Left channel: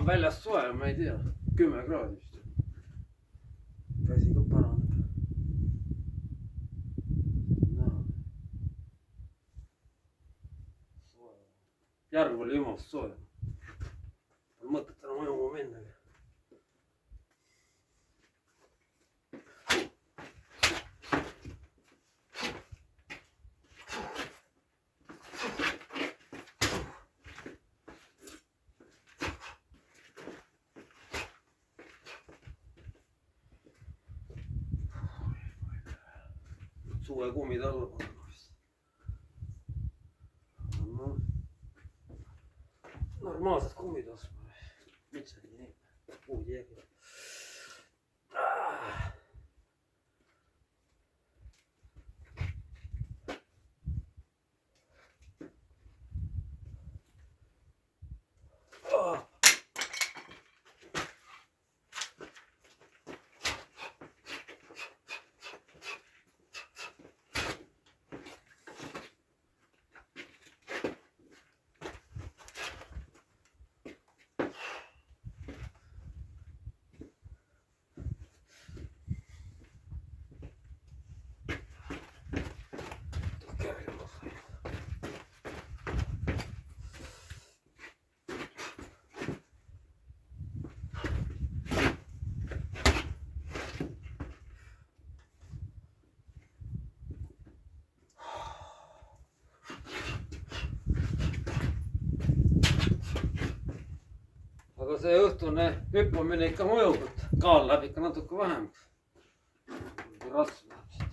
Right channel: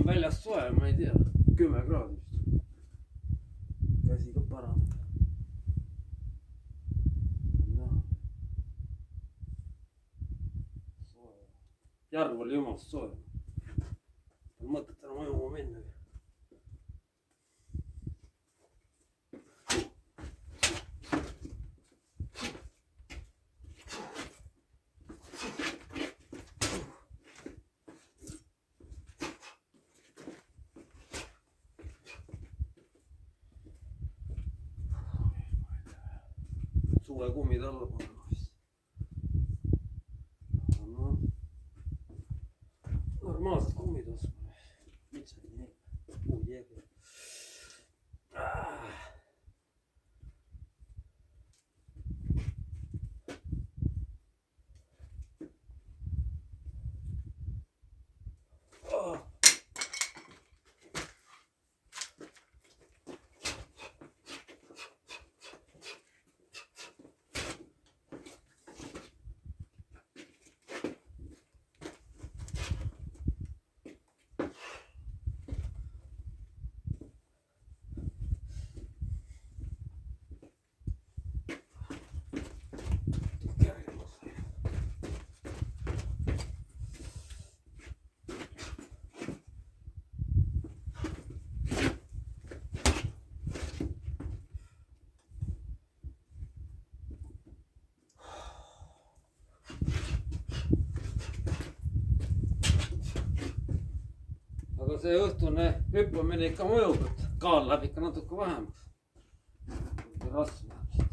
on väljas soe, ma ei tea, 10 kraadi vist. käsi ka paraneb. järg oli jumalast soe. mõtet enam ujuma minnagi. suve kummid alla panna vist. No, normaalsed kummid ostma. Miks oli nii? Puud jäägi. aga see õhtune hüppamine ikka mõjub, et kaal läheb ikka natuke vähemaks. raske läheb siit.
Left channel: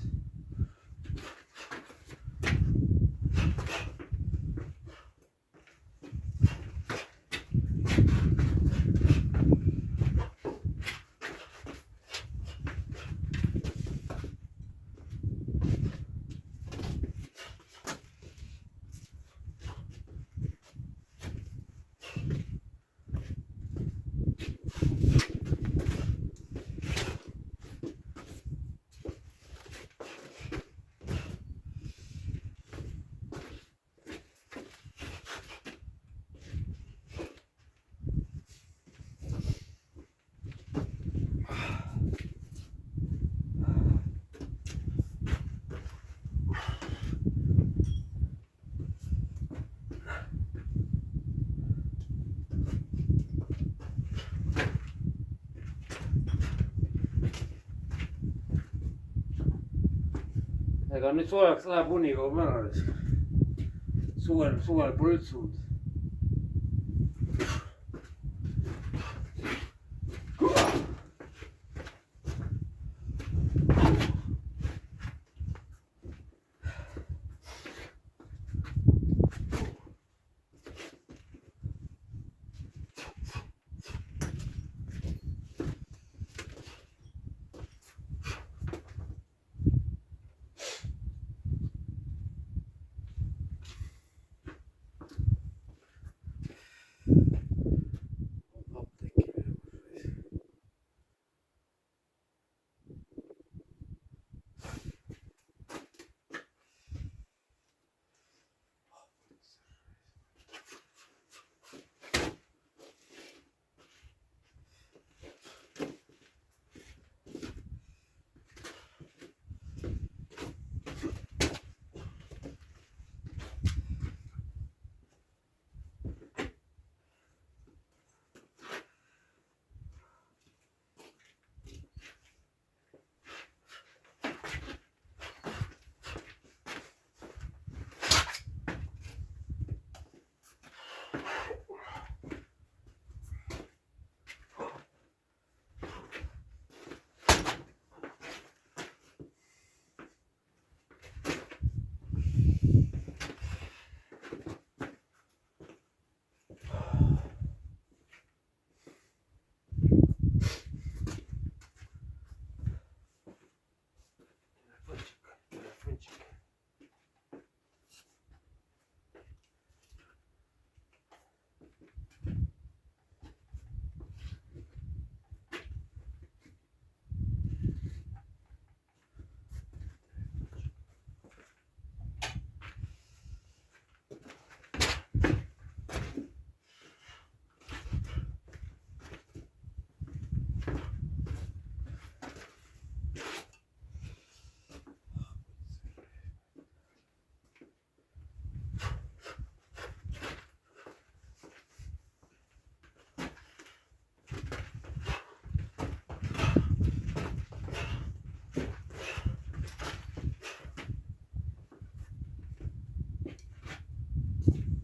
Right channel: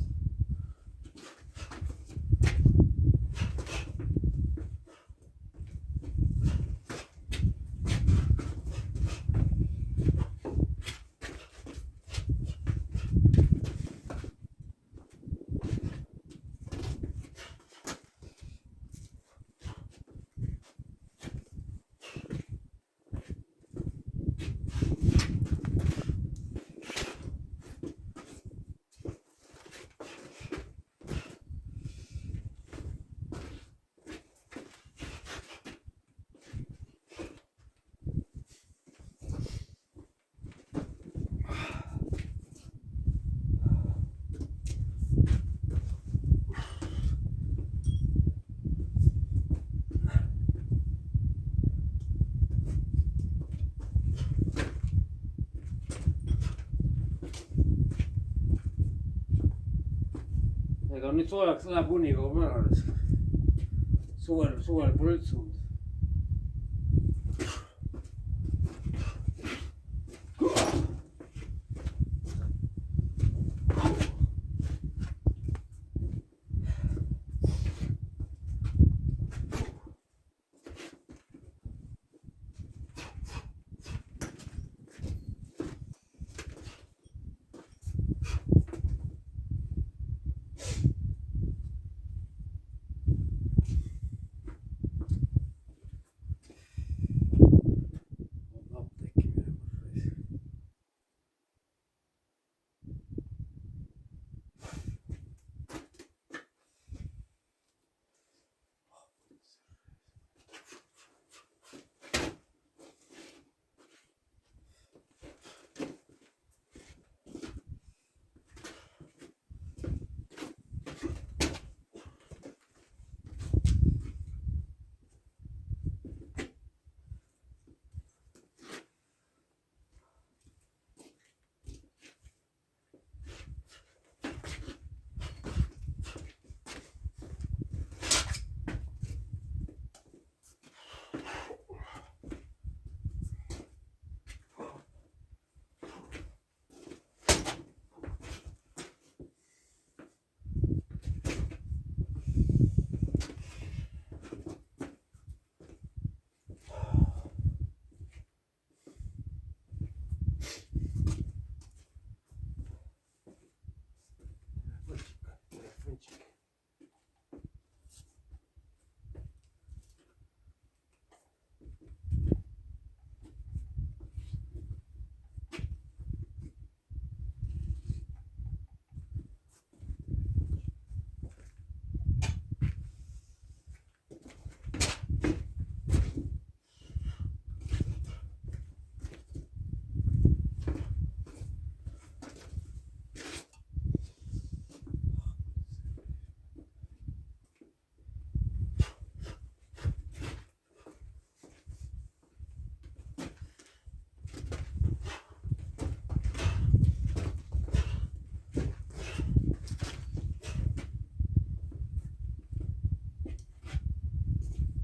ega nüüd soojaks läheb, uni kaob ära. suvel pole üldse und.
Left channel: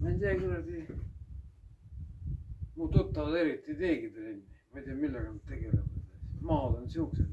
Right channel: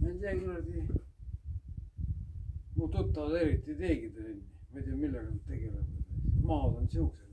ma ei tea, kuradi. mu tuttavad eriti ei teegi trenni, ma ei tea, millega nad tegelevad. maad on siuksed.